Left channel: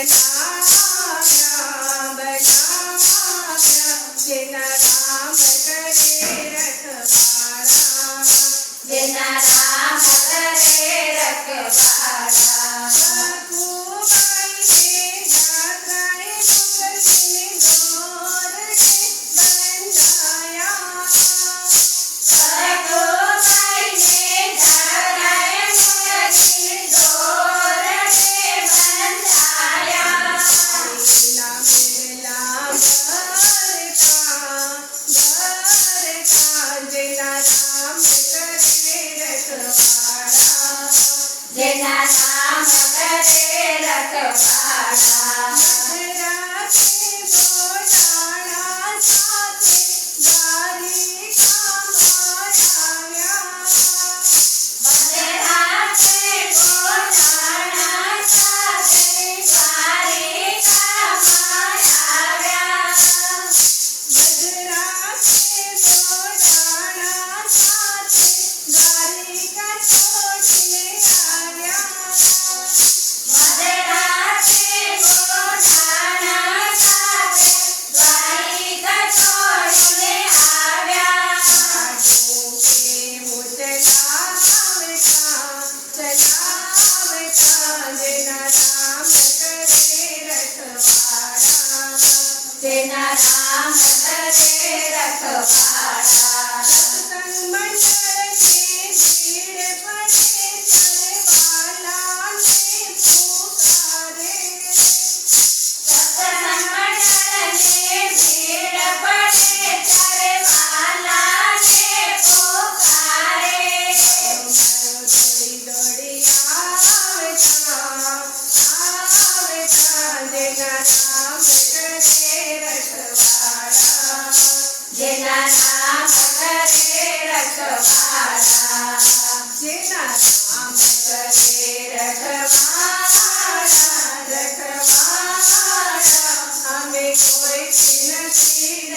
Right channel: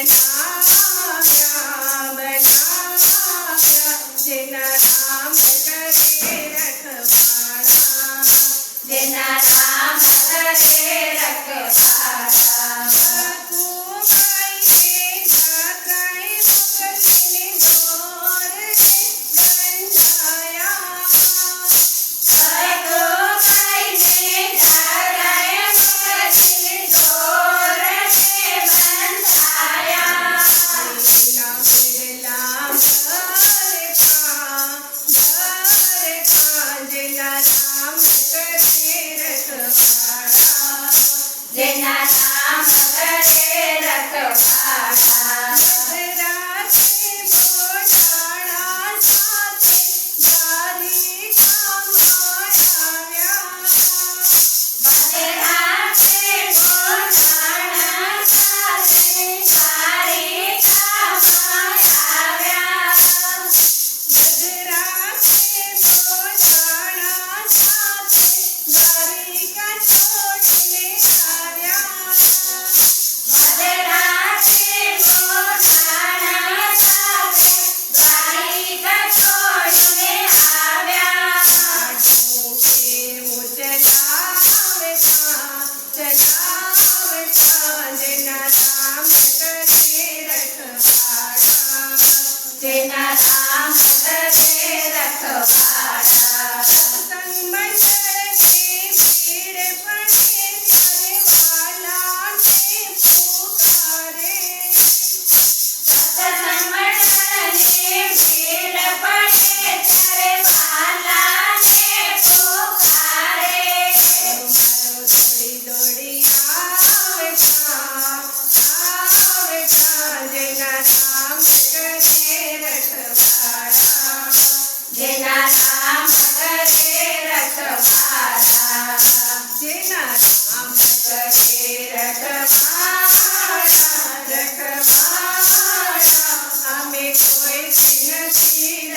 and I Yes.